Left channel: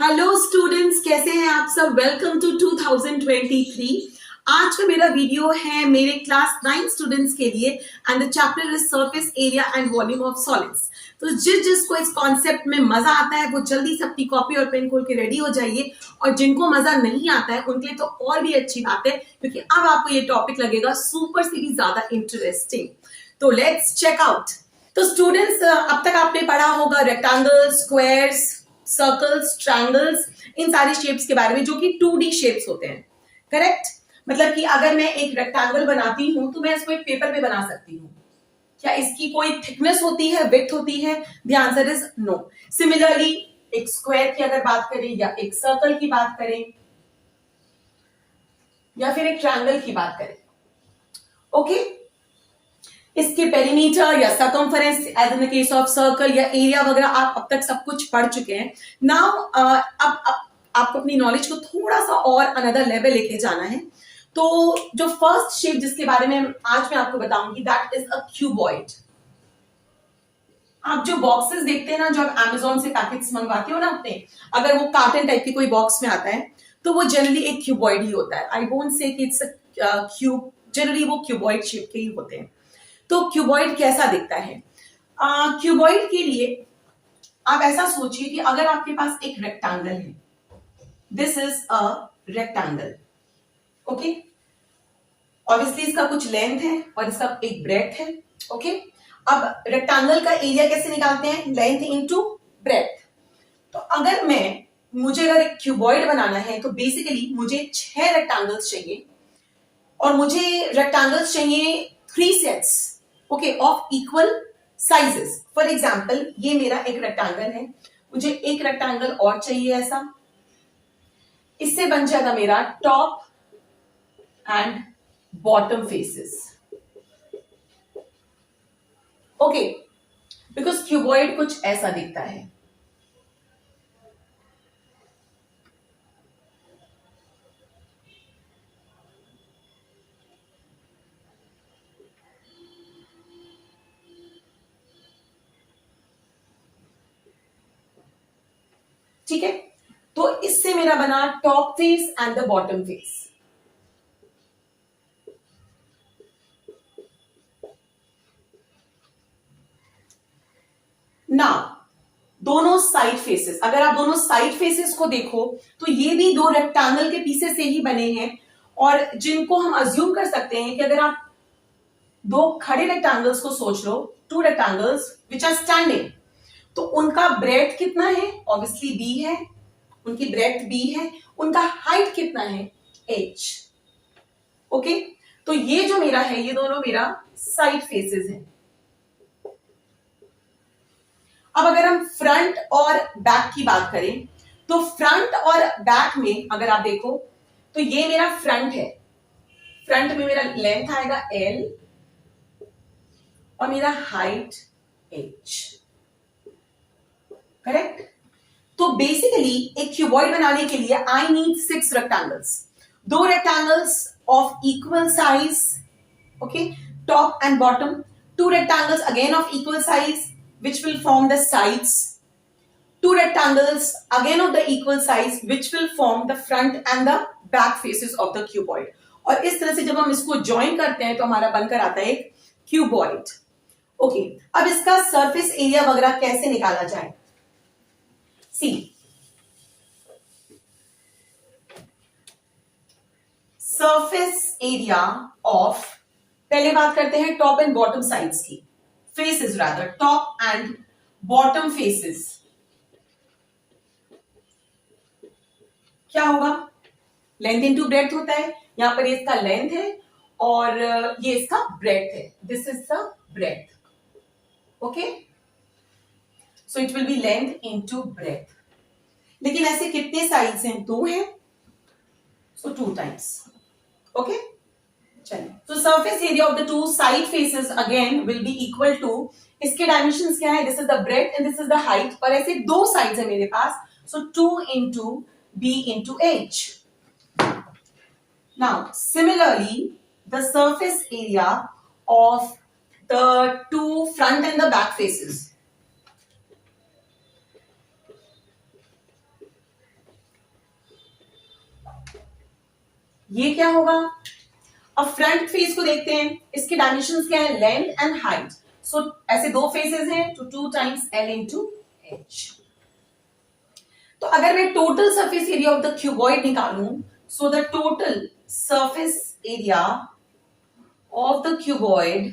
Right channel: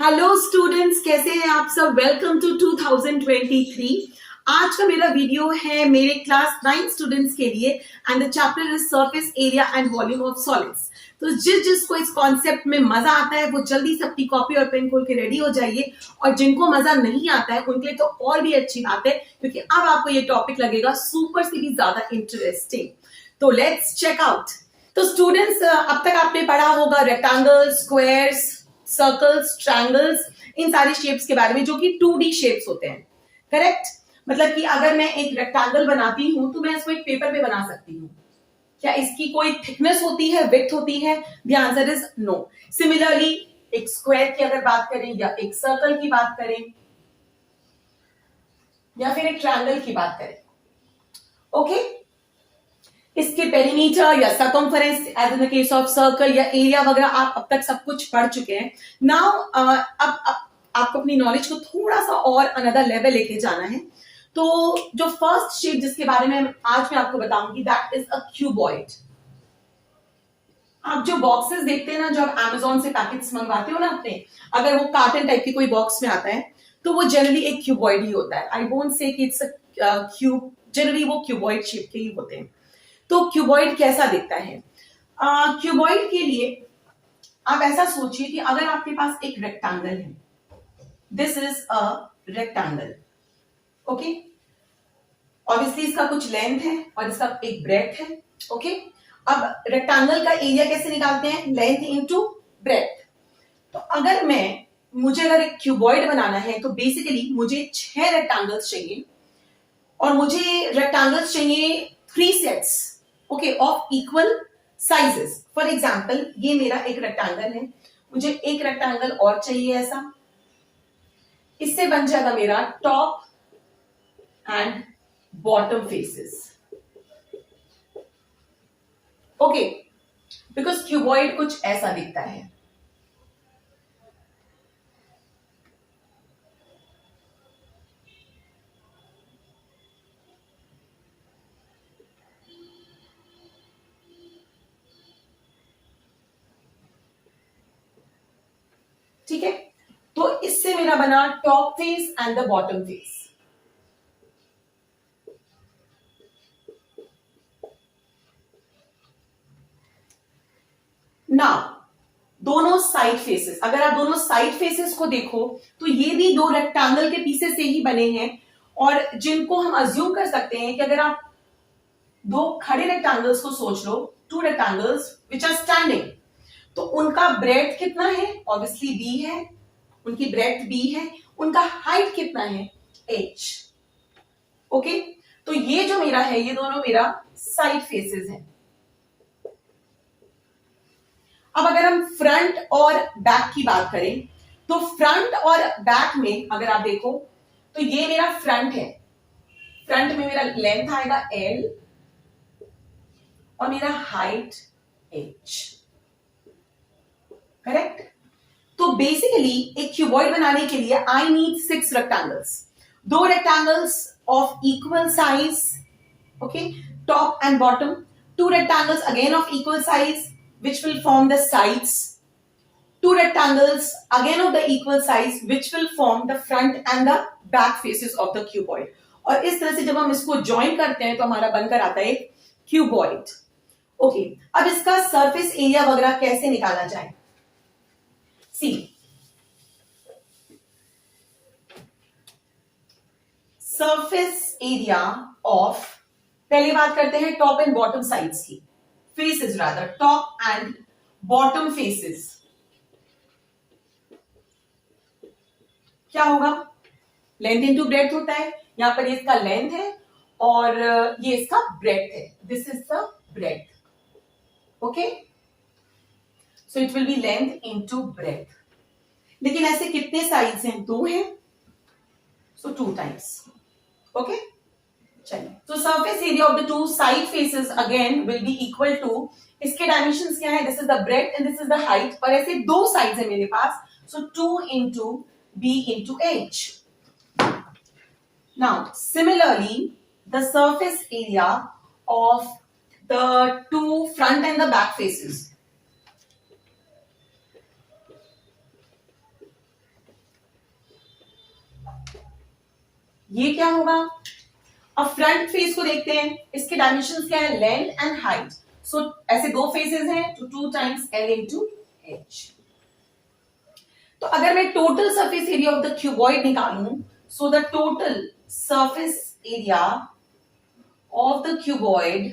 Hello students, कैसे हैं आप सब। Welcome to 2023। आज का मेरा वीडियो है मेरे क्लास 9 स्टूडेंट्स के लिए and the chapter is surface area and volume of solids. तो जिसको इस कॉन्सेप्ट में मजा आता है वो जल्दी से अपनी कॉपी और पेन खोल के रेडी हो जाइए, और जिनको मजा नहीं आता है उनके लिए तो और भी अच्छी बात है, क्योंकि अब आपको ये टॉपिक लगेगा सुपर से भी ज्यादा इंटरेस्टिंग। तो लेट्स चेक आउट। तो स्टूडेंट्स, अब तक आपने पढ़ा होगा रेक्टेंगल्स, स्क्वायर्स, सर्कल्स, ट्रायंगल्स, इन सारी शेप्स के बारे में जो कि 2D शेप्स होते हैं। करेक्ट? मतलब कि अगर मैं एक रेक्टेंगल बनाती हूं तो मैं इसको एक पेपर पे बना सकती हूँ। क्या इसकी कोई थिकनेस होती है, विड्थ होती है? The answer is no. Similarly एक स्क्वायर की अगर बात करें, या एक सर्कल की बात करें, या फिर एक ट्रायंगल की बात करें, ओके, इसके पेरीमीटर या circumference as in the case of circle या एरिया वगैरह आप अब तक सब कुछ पढ़ चुके हैं। नाउ अब आपको अपनी नॉलेज को थोड़ा सा और अनदर लेवल लेके जाना है। तो जो फर्स्ट शेप जिसके बारे में आज मैं आपको बताऊंगी, दैट इज अ क्यूबॉइड। आप जो बॉक्सेस देखते हैं ना, जो आप अमेजोन से पैकेट्स मंगवाते हो ना अपने, अगर वो कार्टन टाइप के कोई बॉक्स में आता है तो वो जनरली एक क्यूबॉइड ही होता है। आई वोंट से कि इट्स अ क्यूब, जनरली वो क्यूबॉइड शेप के ही होते हैं। तो क्यूबॉइड कैसा दिखता है? क्यूबॉइड के लिए आप ऐसा सोचिए कि अगर आपके पास एक रेक्टेंगल है, this is a rectangle, okay. Obviously इसका कुछ लेंथ है और इसका एक ब्रेड्थ है, ओके। अब रेक्टेंगल का एरिया कैसे निकालते हैं? Length into breadth. तो मुझे अगर एक क्यूबॉइड बनाना है तो बेसिकली मुझे 6 रेक्टेंगल्स चाहिए, और मुझे रेक्टेंगल्स चाहिए 3 sets, okay, of equal sizes. For example ये मेरा एक रेक्टेंगल है, मुझे एक रेक्टेंगल और चाहिए ऐसा। इससे बन जाएगा मेरा top and bottom faces, okay, because cuboid कुछ ऐसा दिखता है। ठीक है, तो इससे मेरा बना top face and the bottom face. Now दोनों साइड फेसेस, अगर आप दोनों साइड फेसेस को देखो तो ये भी 2 रेक्टेंगल के पीसेस से ही बने हैं, और जिनको हम अज्यूम कर सकते हैं कि अगर आप 2 खड़े रेक्टेंगल्स को सोच लो, 2 रेक्टेंगल्स विच आर स्टैंडिंग, तो उनका ब्रेड्थ कितना है? ऑब्वियसली बी है, उनकी ब्रेड्थ बी है, उनका हाइट कितना है? H, okay. तो ये जो मेरा है, ये दोनों मेरा साइड फेसेस हैं। अब अगर हम फ्रंट और बैक की बात करें, तो फ्रंट और बैक में अगर आप देखो तो ये मेरा फ्रंट है, फ्रंट में मेरा लेंथ आएगा एल और मेरा हाइट एच, करेक्ट। तो बेसिकली एक क्यूबॉइड बनाने के लिए I need 6 rectangles, 2 rectangles of equal size, okay, top and bottom, 2 rectangles again of equal size which will form the sides, 2 rectangles again of the equal size which will form the front and the back faces of the cuboid। और इस तरह से जब हम इसको join करते हैं तो हमारा बनकर आता है एक क्यूबॉइड, ओके। अब इसका सरफेस एरिया वगैरह कैसे निकाला जाए? सी, सरफेस एरिया ऑफ, पहले बात करते हैं टॉप एंड बॉटम साइड्स की, faces rather, top and bottom faces। क्या होगा? लेंथ इनटू ब्रेड्थ होता है। यहां पर इसका लेंथ है और ये इसका ब्रेड्थ है, this is the breadth, okay. So it will be length into breadth. लेकिन ऐसे कितने साइड्स हैं? 2 हैं, सो 2 टाइम्स, ओके। चलिए, तो surface area of the 2 side faces again will be equal to, इसके डायमेंशंस क्या है? This is the breadth and this is the height, और ऐसे 2 साइड्स है मेरे पास, so 2 into B into H. Now similarly the surface area of the 2 front and the back faces, ये क्या होगा? अब फ्रंट फेस को देखते हैं, इसके डायमेंशंस क्या है? Length and height. सो ऐसे दो फेसेस हैं तो 2 टाइम्स L इंटू H। तो अगर मैं total surface area of the cuboid निकालूं, so the total surface area of the cuboid,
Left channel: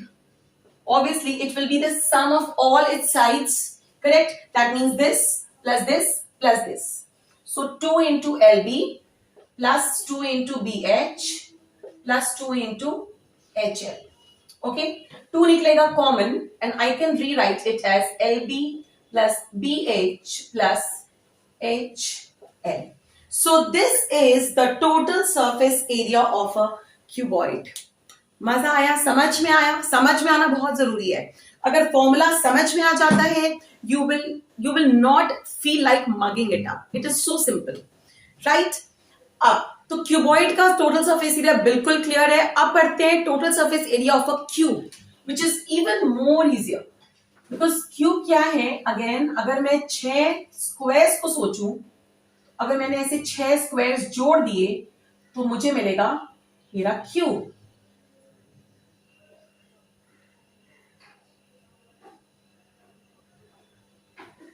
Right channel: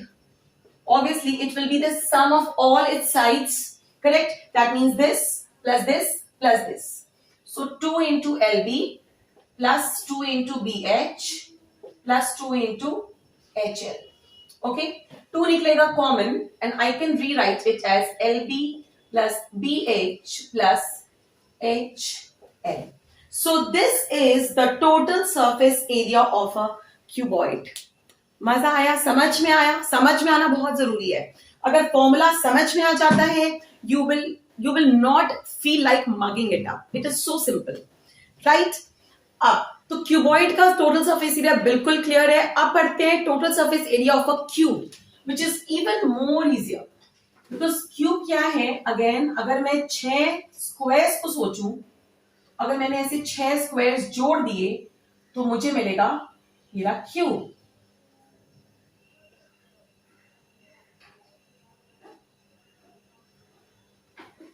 obviously it will be the sum of all its sides, correct? That means this plus this plus this. So 2 into LB plus 2 into BH plus 2 into HL. Okay, 2 निकलेगा common and I can rewrite it as LB plus BH plus HL. So this is the total surface area of a cuboid. मजा आया? समझ में आया? समझ में आना बहुत जरूरी है। अगर फॉर्मूला समझ में आ जाता है, you will not feel like mugging it up. It is so simple, right? अब तो क्यूबॉइड का टोटल सरफेस एरिया बिल्कुल क्लियर है। अब पढ़ते हैं total surface area of a cube, which is even more easier, because cube क्या है? अगेन, अगर मैं 6 स्क्वायर्स को सोचूं, अगर मैंने ऐसे 6 स्क्वायर्स जोड़ दिए तो मुझे मिलेगा मेरा क्यूब।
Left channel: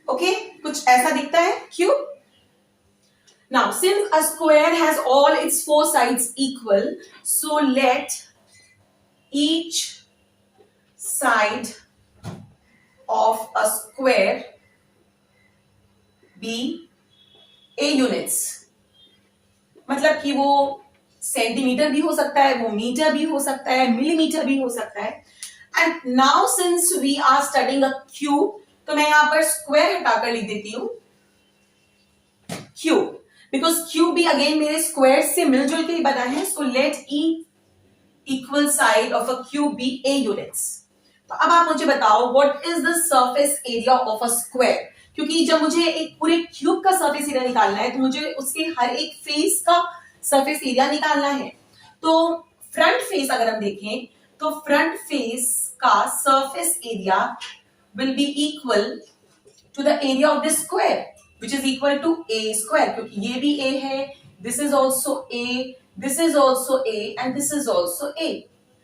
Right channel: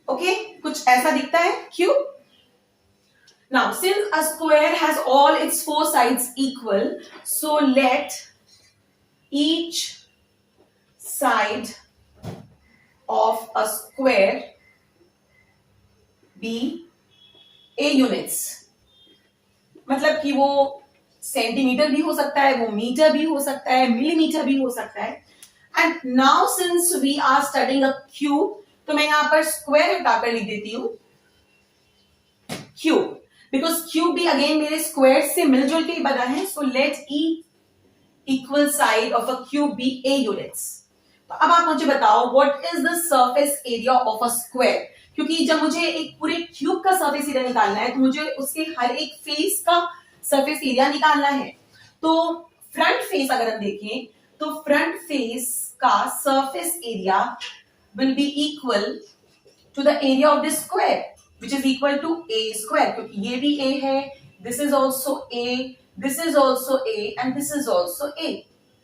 ओके, कुछ ऐसा दिखता है cube. Now since a square has all its 4 sides equal, so let each side of a square be A units. मतलब कि वो सेंटीमीटर भी हो सकता है, वो मीटर भी हो सकता है, मिलीमीटर भी हो सकता है। And now since we are studying a cube, तो मैं यहां पर स्क्वायर हटाकर लिख देती हूं क्यूब, बिकॉज क्यूब भी अगेन मेरे स्क्वायर से मिलजुल के ही बना है। So let E equal side of a cube be A units. तो अब आप मुझे बताओ what is the surface area of a square, क्योंकि जब मुझे एक पूरे क्यूब का सरफेस एरिया निकालना है तो मुझे उसके हर एक फेस का सरफेस एरिया निकालना है। तो फ्रंट फेस अगर हम देखें तो फ्रंट फेस का surface area will be equal to the area of this square, which is equal to a square, क्योंकि ये भी a है, this is also a, this is also a, and this is also a,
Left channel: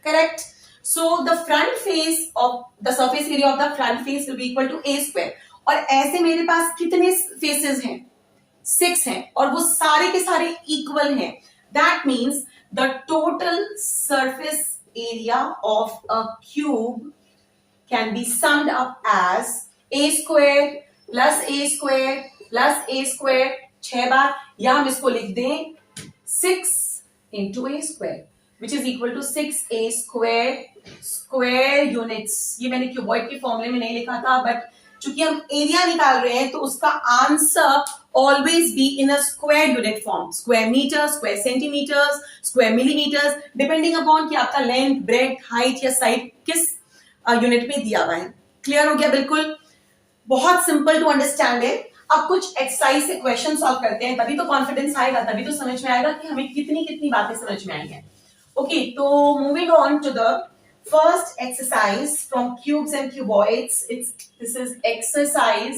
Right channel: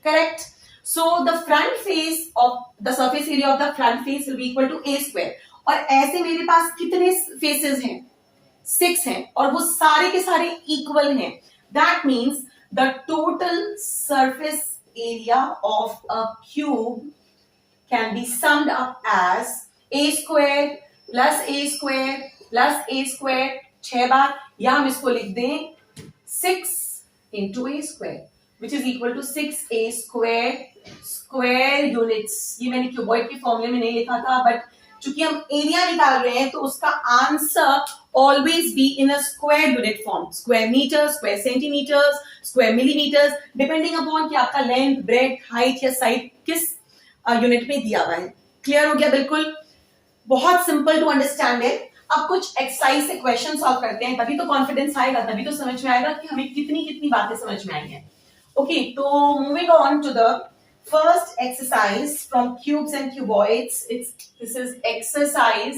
correct? So the front face of the surface area of the front face will be equal to a square. और ऐसे मेरे पास कितने faces हैं? 6 हैं, और वो सारे के सारे इक्वल हैं। That means the total surface area of a cube can be summed up as a square plus a square plus a square 6 बार, या हम इसको लिख दें 6 into a square, which is equal to 6a square units। ये मैंने cuboid के फॉर्मूले में नहीं लिखा था, बट चूंकि हम एरिया निकाल रहे हैं तो उसका answer always be in a square unit form, square metre, square centimetres, square millimetres, depending upon कि आपका लेंथ, ब्रेथ, हाइट या साइड किस यूनिट में दिया हुआ है। क्लियर हो गया? बिल्कुल, बहुत सिंपल टू अंडरस्टैंड है। अब कुछ एक्सरसाइज से क्वेश्चन सॉल्व करते हैं, तभी तो कॉन्फिडेंस आएगा, तभी तो समझ में आएगा कि हमें कितनी कितनी बातें समझ में आई हैं। ओके, तो moving on to the first exercise from cubes and cuboids. This is exercise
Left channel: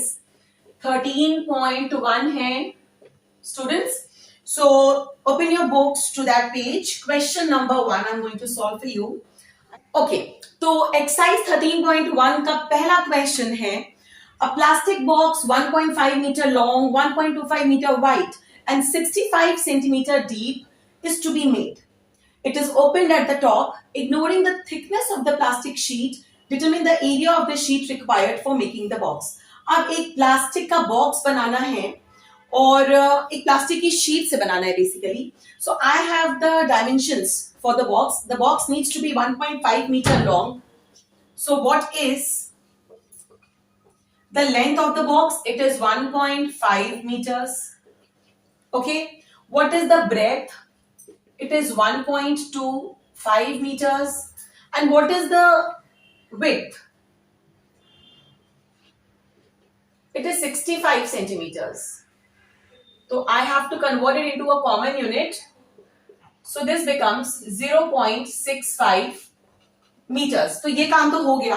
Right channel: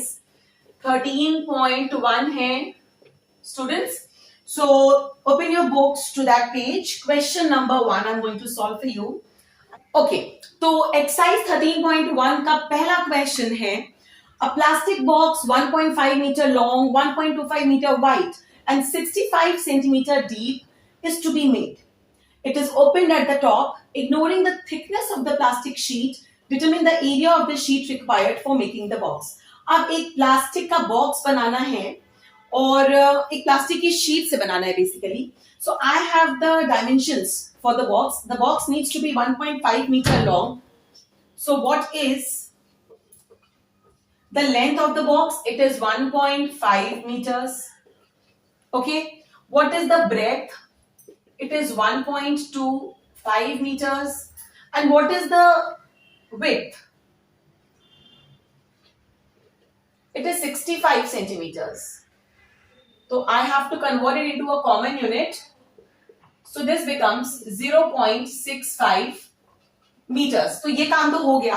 13.1 है students. So open your books to that page. Question number 1 I'm going to solve for you. Okay, तो एक्सरसाइज 13.1 का पहला question है, a plastic box 1.5 metre long, 1.25 metre wide and 65 centimetre deep is to be made. It is opened at the top. Ignoring the thickness of the plastic sheet, determine the area of the sheet required for making the box. अब एक plastic का box बनाना है और एक plastic की sheet से बनाना है basically. So I have the dimensions for the box. The box needs to be 1.5 meter long. So what is the length of the box? It is 1.5 meters. Okay. What is the breadth? It is 1.25 meters. And what is the width? It is 65 centimeters. So I have to convert it into a common unit. So this becomes 0.65 meters. तो ये काम तो हो गया.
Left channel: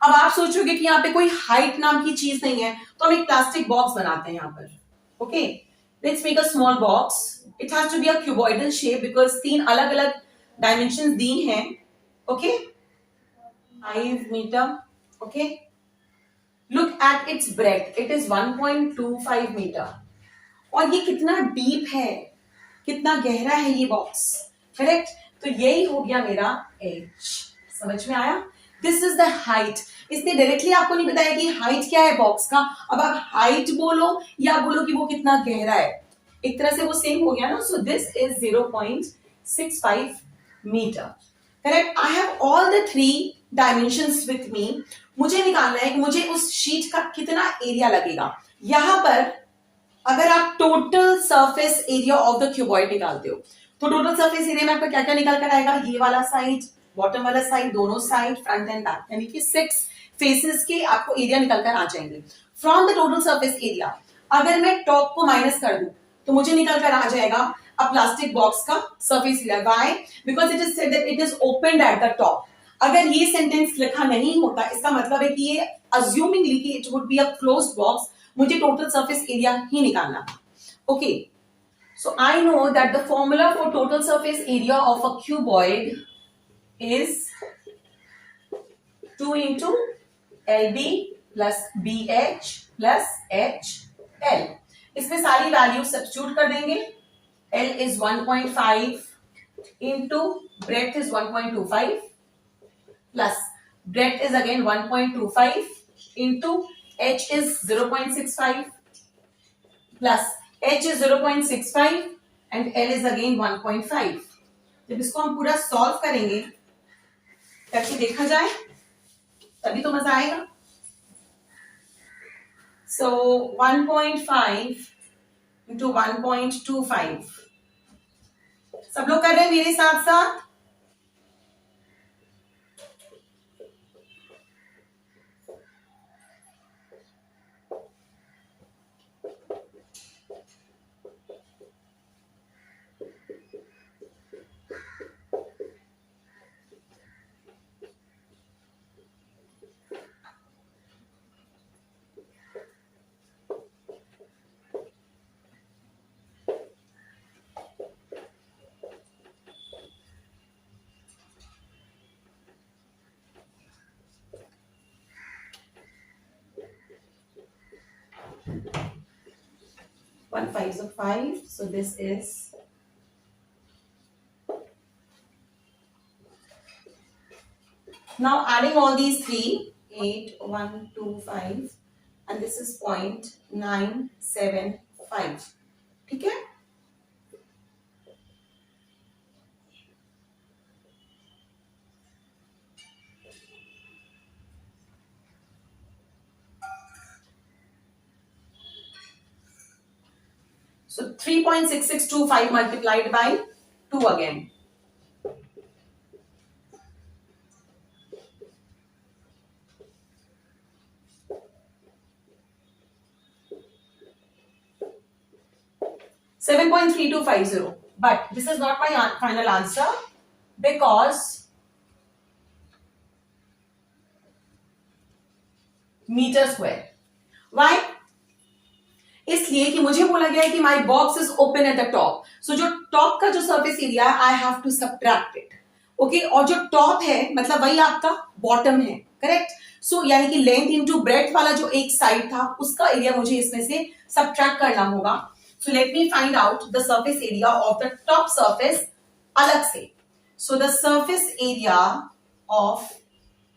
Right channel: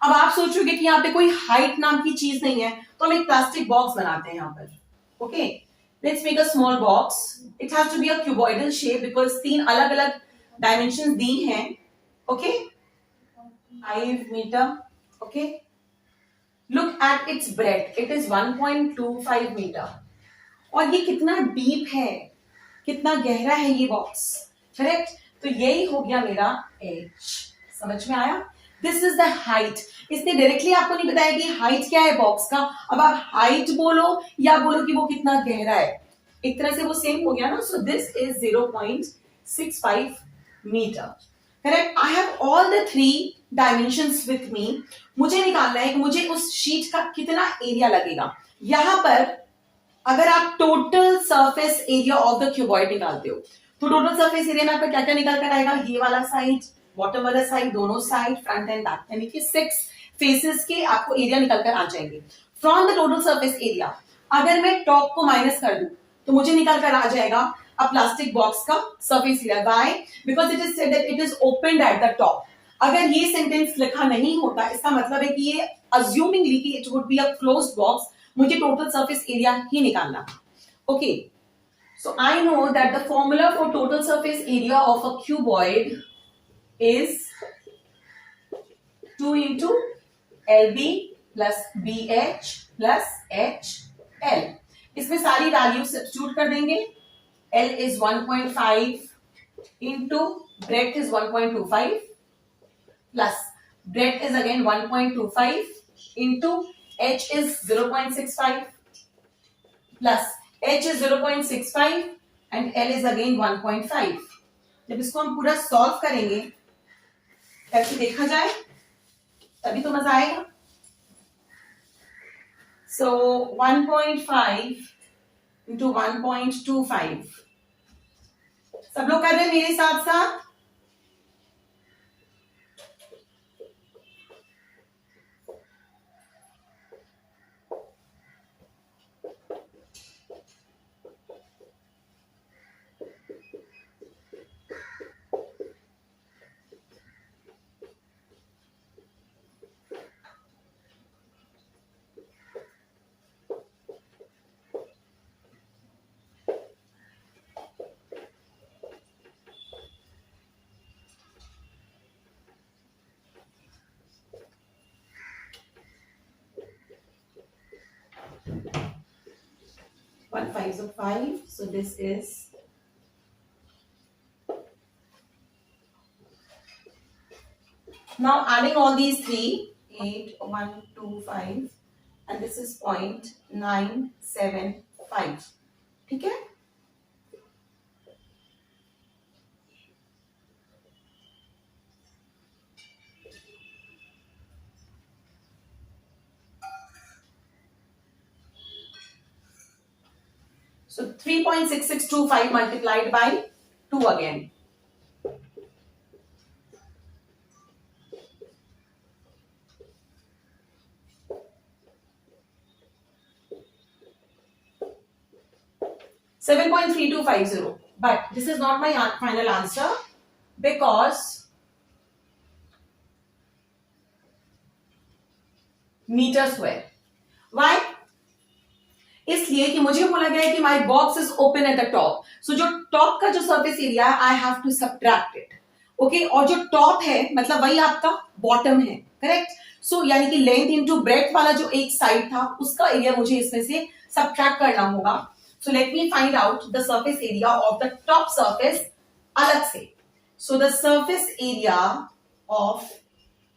अब आप सोचोगे कि यहाँ पे कोई हाइट नाम की चीज नहीं है, तो हम एक प्लास्टिक बॉक्स बनाते हैं यहाँ पर. Okay, Let's make a small box. It has to be a cuboidal shape because तीन अलग अलग dimensions दी हैं. Okay, 5 meter. Okay, look at its breadth. It is 1.25 meter. और ये कितना डीप है, कितना गहरा है ये बॉक्स. करेक्ट. तो यही हो गया मेरा एज. समझ में आया? This is the height. इसने डायरेक्टली आपको नहीं बताया कि हाइट क्या है बॉक्स का. अब आप हाइट बोलो या बोलो कि वो कितना गहरा है, एक तरह से वो सेम हो गया ना. So this is 0.65 metre. Correct. I have all the 3 dimensions with me. मुझे निकालना है कि मुझे उस शीट का कितना एरिया लगेगा. यहां पर अगर आप total surface area of the cuboid निकालते हो तो टोटल सरफेस एरिया में आपका क्या क्या निकल कर आएगा. ये वाला साइड, बॉटम वाला साइड, दोनों साइड, फ्रंट एंड बैक, यानी कि 6 फेसेस के आपको एरिया निकल कर आ जाएंगे. From the total surface area अगर मैं टॉप को माइनस कर दूं तो मुझे निकल कर आ जाएगा अ प्लास्टिक बॉक्स का surface area. Why? Because it is said that it is opened eight the top. अगर ये सेंटेंस लिखा नहीं होता इसका मतलब है कि ये अज्यूमिंगली कि it would be a closed box, मुझे टोटल सरफेस एरिया ही निकालना. Okay, so I know that the formula for total surface area of a cuboid is 2 into LB plus BH plus HL. इसमें सारी value substitute कर देंगे. L is 1.5 into breadth is 1.25 plus breadth is again 1.25 into H is 0.65 plus H is 0.65 and L is again 1.5. जब इसको हम पूरा solve करेंगे करके देखा जाए तभी तो मजा आएगा. सो 1.5 into 1.25. सब लोग कर रहे हैं मेरे साथ साथ. One 5 is 5, so this is now adding all these 3, 8, 1, 2, 5, and this is 0.975. ठीक है. So 3.6625 multiplied by 2 again. $7.3250. But this is not my final answer because meter square. Why? इसलिए कि मुझे बोला गया है कि my box is open at the top. So जो टॉप का जो सरफेस एरिया है I have to subtract it. Okay, और जो टॉप है मतलब वही आपका बॉटम है. करेक्ट. सो यानी कि लेंथ इनटू ब्रेड्थ वाला जो एक साइड था उसका एरिया मुझे इसमें से सब्ट्रैक्ट करना होगा. So let me find out the surface area of the top surface अलग से. So the surface area of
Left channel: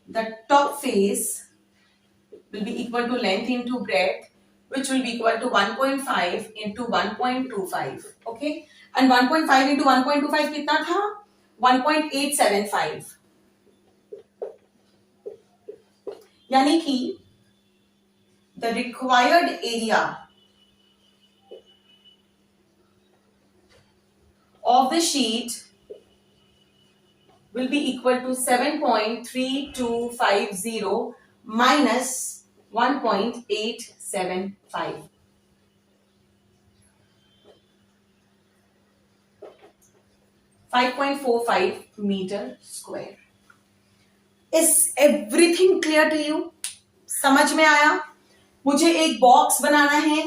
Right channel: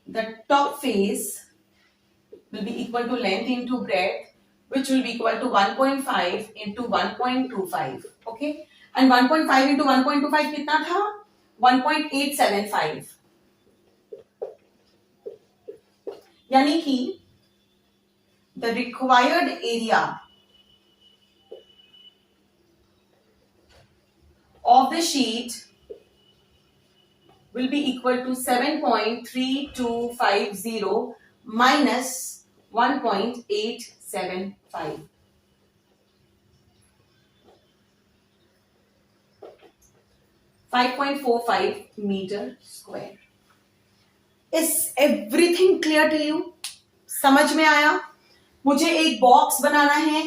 the top face will be equal to length into breadth, which will be equal to 1.5 into 1.25. Okay, and 1.5 into 1.25 कितना था? 1.875. यानी कि the required area of the sheet will be equal to 7.3250 minus 1.875. 5.45 meter square. Is everything clear to you? समझ में आया? मुझे एक box बनाना है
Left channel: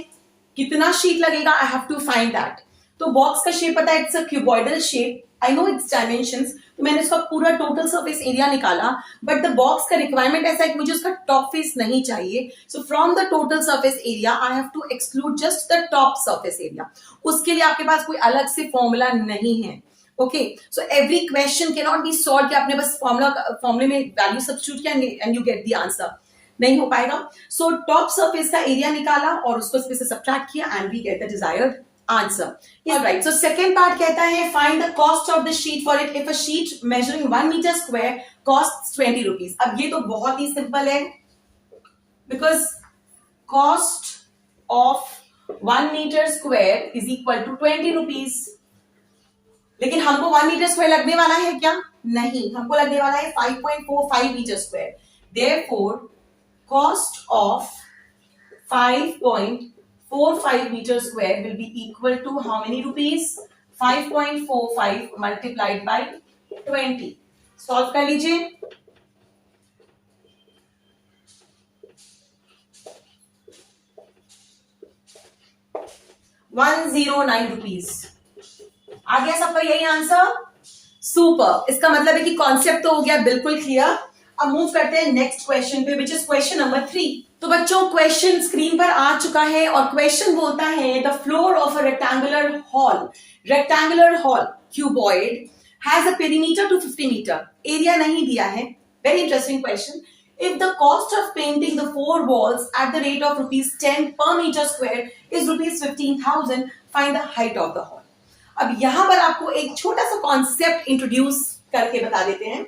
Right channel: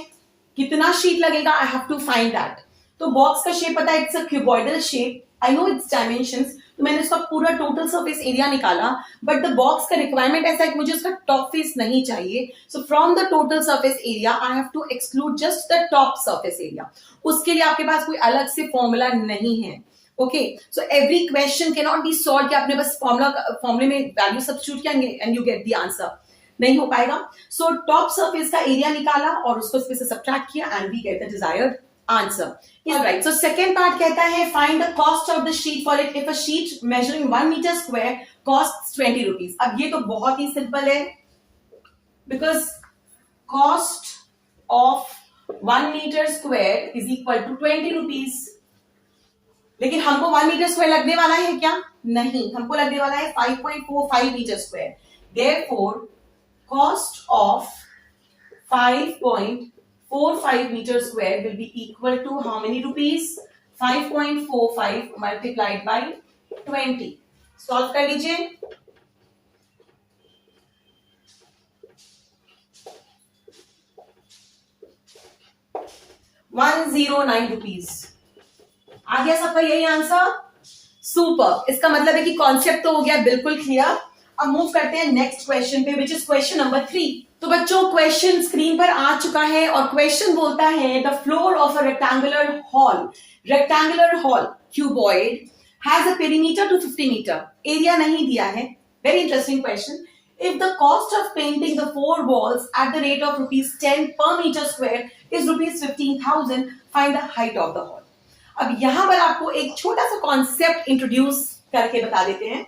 कितना शीट लगेगा, I have to find that. तो बॉक्स का शेप पता है, it's a cuboidal shape, I know its dimensions, तो मैंने उसका पूरा टोटल सरफेस एरिया निकाला, बट द बॉक्स का रिक्वायरमेंट ऐसा है कि मुझे उसका टॉप फेस नहीं चाहिए, so from the total surface area I have to exclude just the top surface area. उसके लिए आपके पास कोई अलग से फॉर्मूला नहीं है। Okay, so every question can not be solve कि आपने बस फॉर्मूले में वैल्यू सब्स्टिट्यूट किया and you get the answer, नहीं हो पाएगा। सो टॉप सरफेस का एरिया निकाला और उसको इसमें से सब्ट्रैक्ट किया and we get the desired answer. Is right. So second part कहता है find the cost of the sheet for it if a sheet measuring 1 metre square cost 20 rupees. अब ये तो बहुत ही सिंपल है, because cost of 1 metre square is equal to 20 rupees. लेकिन हमको 1 मीटर स्क्वायर लगने वाला है क्या? नहीं, हमको लगने वाला है 5.45 metre square. Therefore cost of 5.45 meter square will be equal to how many rupees? 5.45 multiplied by 20. Solve कर लीजिए। 109 rupees। आ गया सबका यही आंसर? सुपर। इसका मतलब है कि कॉन्सेप्ट तो हो गया बिल्कुल क्लियर। अब मूव करते हैं नेक्स्ट क्वेश्चन पे, विच इज क्वेश्चन नंबर 3। तो बच्चों क्वेश्चन स्क्रीन पर आ चुका है और क्वेश्चन बोलता है the floor of a rectangular hall cuboid has a perimeter two 50 metre. Area नहीं दिया है। Very interesting question. If the cost of painting the 4 walls at the rate of rupees 10 per meter square is rupees 15,000, find the height of the hall. अब यहां पर आपको एक छोटा सा कॉन्सेप्ट इंट्रोड्यूस करके बता देते हैं।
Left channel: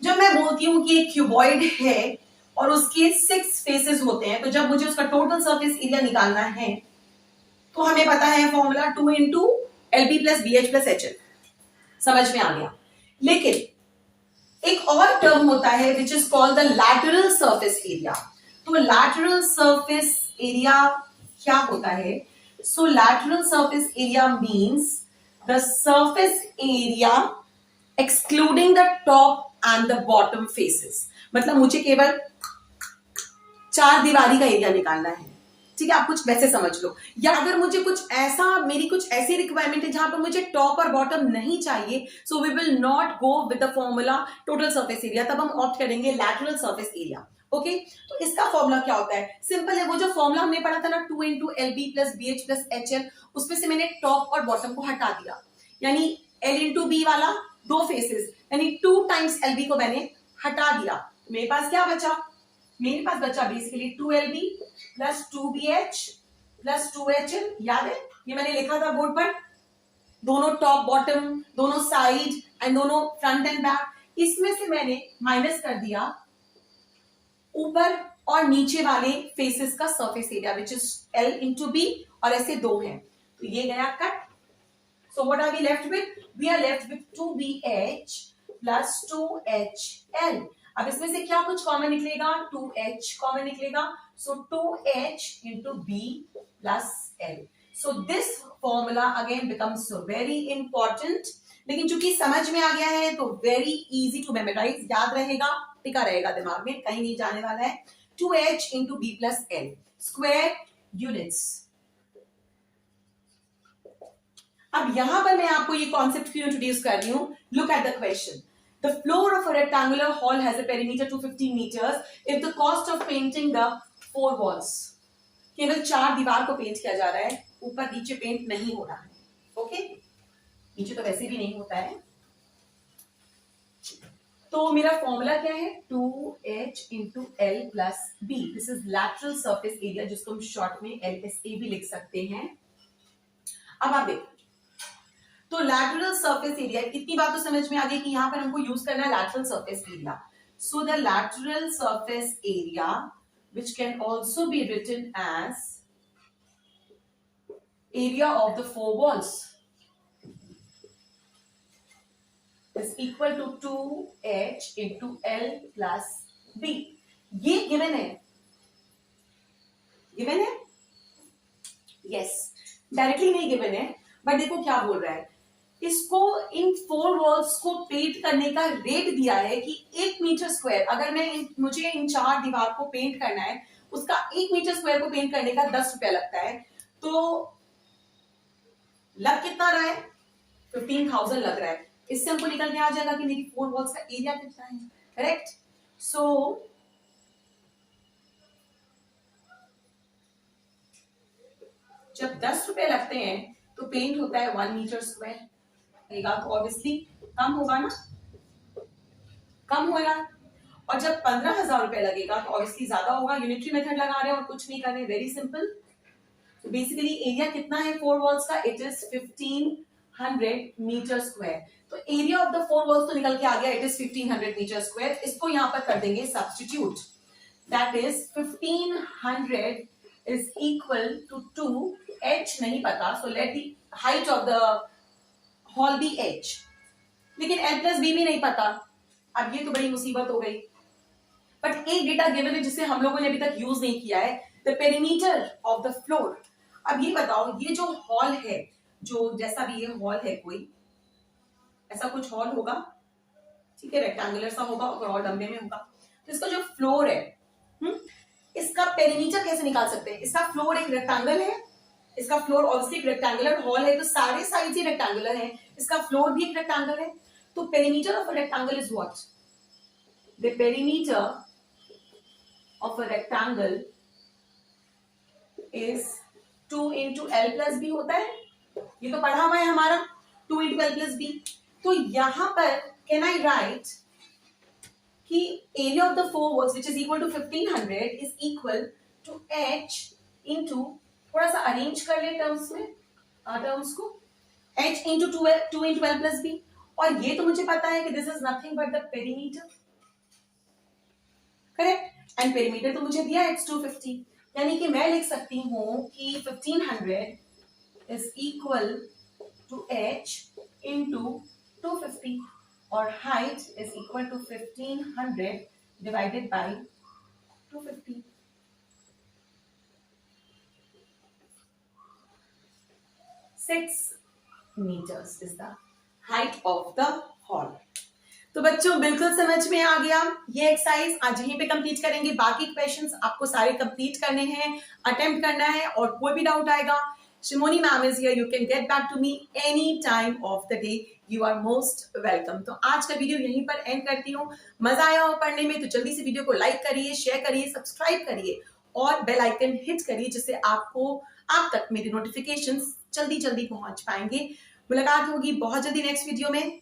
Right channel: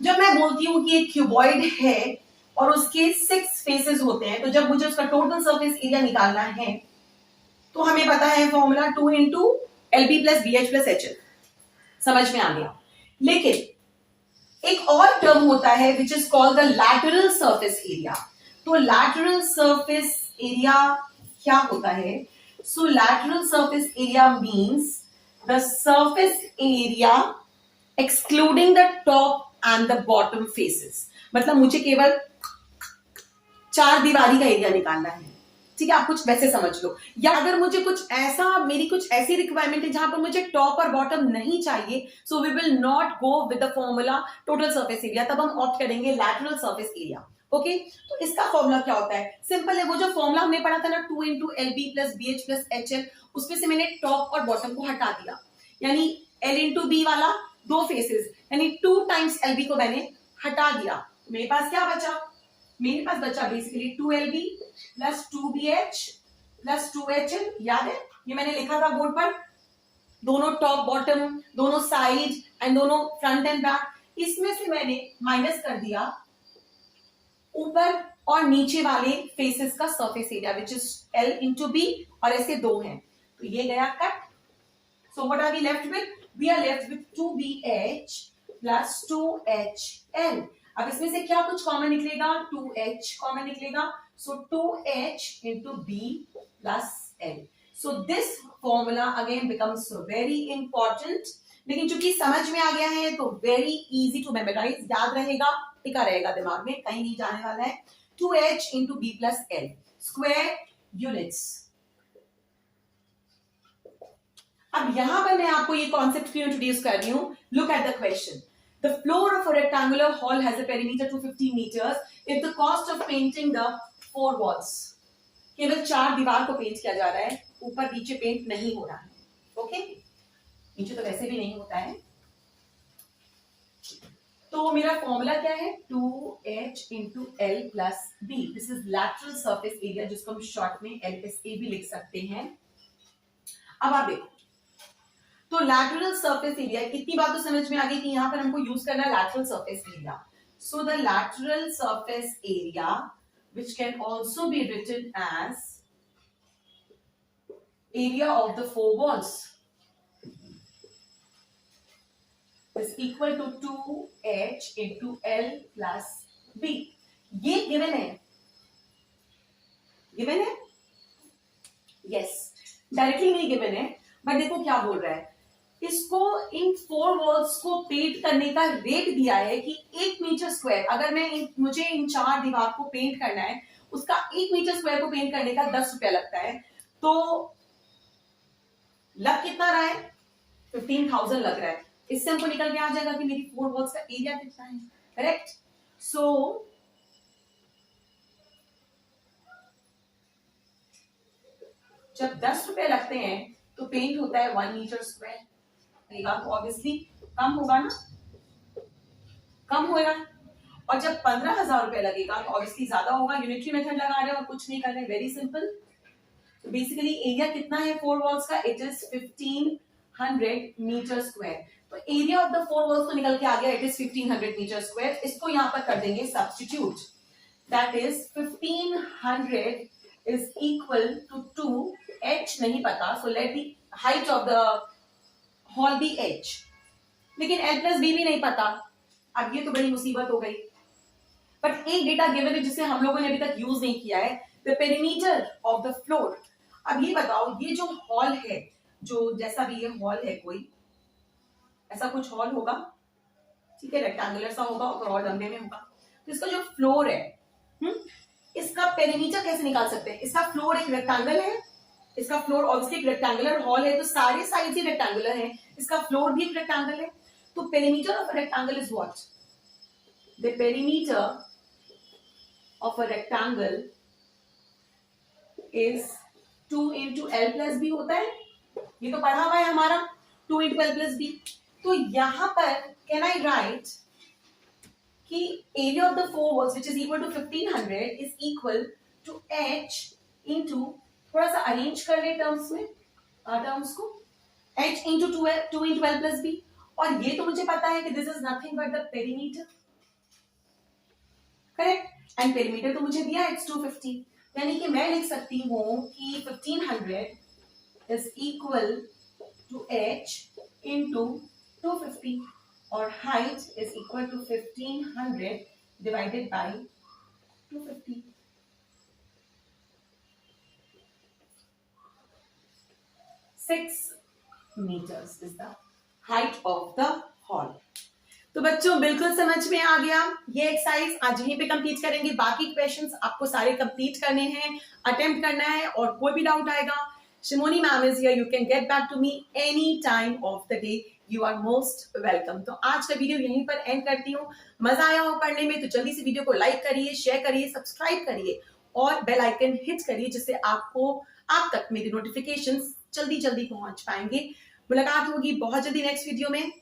जब मैं बोलती हूं कि एक क्यूबॉइड है और उसके 6 फेसेस होते हैं, तो जब मुझे उसका टोटल सरफेस एरिया निकालना है तो हमें पता है formula 2 into LB plus BH plus HL। समझ में आ गया। लेकिन एक और टर्म होता है which is called the lateral surface area. तो लैटरल सरफेस एरिया क्या होता है? So lateral surface area means the surface area excluding the top and the bottom faces. मतलब मुझे केवल 4 दीवारी का एरिया निकालना है, ठीक है, आप कुछ वैसे समझ लो। या अगर मुझे कुछ ऐसा, मेरी कुछ ऐसी रिक्वायरमेंट है जहां पर मुझे टॉप और बॉटम नहीं चाहिए, so we will not go with the formula total surface area, तब हम ऑप्ट करेंगे लैटरल सरफेस एरिया। ओके, तो इसका फॉर्मूला क्या होता है? सिंपल है, वो जो फॉर्मूला हमने पढ़ा था ना 2 into LB plus BH plus HL, उसमें से मैंने टॉप और बॉटम को हटा दिया, यानी L into B वाला 2 फेसेस, यानी 2 times LB को मैंने हटा दिया। मेरे पास क्या बचा? मेरे पास बचा basically 2LB plus 2BH plus 2HL। याद है, ये मैंने लिखा था बोर्ड पर, दोनों टॉप बॉटम, दोनों साइड एंड दोनों फ्रंट एंड बैक। इसमें से मैंने माइनस कर दिया ऊपर और नीचे वाले फेसेस का surface area which is L into B, और ऐसे 2 हैं तो ये गया cut. So what are we left with? We are left with 2BH plus 2HL। अब इसमें से क्या कुछ कॉमन निकलेगा? 2H कॉमन निकलेगा, सो 2H into B plus L। So this formula again becomes very important, लेकिन चूंकि समझ में आ गया है तो वेरी इजी टू मेमोराइज, याद रहेगा, टिका रहेगा दिमाग में, कहीं नहीं जाने वाला है। 2H into B plus L square units. अब यहां पर मैं आपको ये कॉन्सेप्ट क्यों इंट्रोड्यूस कर रही हूं? Look at the question. The floor of a rectangular hall has a perimeter to 15 meters if the cost of painting the 4 walls, केवल 4 दीवार को पेंट किया जा रहा है, ऊपर नीचे पेंट नहीं हो रहा है। ओके, नीचे तो वैसे भी नहीं होता है। तो मेरा फॉर्मूला क्या है? 2H into L plus B। This is lateral surface area, जिसको हम शॉर्ट में LSA भी लिख सकते हैं। अब आप देखो, तो लैटरल सरफेस एरिया, इतनी बात तो समझ में आ गई कि यहां पर हमको यूज करना है lateral surface area. So the lateral surface area which can also be written as area of the 4 walls is equal to 2H into L plus B। ये गिवन है, गिवन है, यस, डायरेक्टली नहीं given है, but देखो क्या बोल रहा है, इसको इन 4 वॉल्स को पेंट करने का रेट दिया है कि 1 मीटर स्क्वायर, अगर मुझे इन 4 दीवार को पेंट करना है, उसका 1 मीटर स्क्वायर को पेंट करने का 10 रुपया लगता है। तो लग कितना रहा है, 15,000 लग रहा है। इससे हमको निकल के आ जाएगा कि मेरी 4 वॉल्स का एरिया कितना है, करेक्ट। सो जब 10 रुपए लगते हैं तो पेंट होता है 1 मीटर स्क्वायर, तो ऑब्वियसली कम होगा ना, कम होगा। और जब 15,000 रुपए लगेगा तो ऑब्वियसली ज्यादा होगा। यूनिटरी मेथड लगा रहे हैं और कुछ नहीं कर रहे, वेरी सिंपल। तो बेसिकली एरिया कितना है 4 वॉल्स का, इट इज 1500 मीटर स्क्वायर। तो एरिया ऑफ द 4 वॉल्स तो निकल के आ गया, इट इज 1500 मीटर स्क्वायर। इसको यहां पर कर देंगे substitute, that is 1500 is equal to 2, h नहीं पता, so let the height of the hall be h, लेकिन l प्लस b भी नहीं पता। अब ये तो बड़ी मुसीबत हो गई, बट एक डेटा गिवन है जिसे हम लोगों ने अभी तक यूज नहीं किया है, the perimeter of the floor. अब ये बताओ, ये जो हॉल है, जो जैसा भी ये हॉल है, कोई ऐसा कुछ हॉल होगा, ठीक है, रेक्टेंगुलर सा होगा और डब्बे में होगा। तो इसका जो फ्लोर है, इसका पेरीमीटर कैसे निकाल सकते हैं? इसका फ्लोर एक रेक्टेंगल है, इसका फ्लोर ऑब्वियसली एक रेक्टेंगुलर हॉल है, तो सारे साइड्स ही रेक्टेंगुलर हैं, इसका फ्लोर भी एक रेक्टेंगल है। तो perimeter of a rectangle is what? The perimeter of a rectangle is 2 into l plus b होता है, ये तो पढ़ा हुआ है हमारा, 2 into l plus b। तो यहां पर कैन आई राइट कि area of the 4 walls which is equal to 1500 is equal to h into, थोड़ा सा अरेंज कर ले टर्म्स में, टर्म्स को, h into 2 into l plus b। और ये तो मुझे पता है कि this is nothing but the perimeter, correct. And perimeter तो मुझे दिया है, इट्स 250, यानी कि मैं लिख सकती हूं कि 1500 is equal to h into 250 और height is equal to 1500 divided by 250। Six metres is the height of the hall. तो बच्चों बिल्कुल समझ में आ गया। ये एक्सरसाइज आज यहीं पे कंप्लीट करेंगे, बाकी क्वेश्चंस आपको सारे कंप्लीट करने हैं, अटेम्प्ट करना है, और कोई भी डाउट आएगा, Shimoni ma'am is here, you can get back to me any time of the day, you are most welcome. तो आज का वीडियो यहीं पर एंड करती हूँ। मजा आया हो पढ़ने में तो जल्दी से वीडियो को लाइक करिए, शेयर करिए, सब्सक्राइब करिए और बेल आइकन हिट करिए, जिससे आप तक मेरी नोटिफिकेशंस जल्दी जल्दी पहुंच पाएंगे। मुलाकात होगी बहुत जल्दी नेक्स्ट वीडियो में।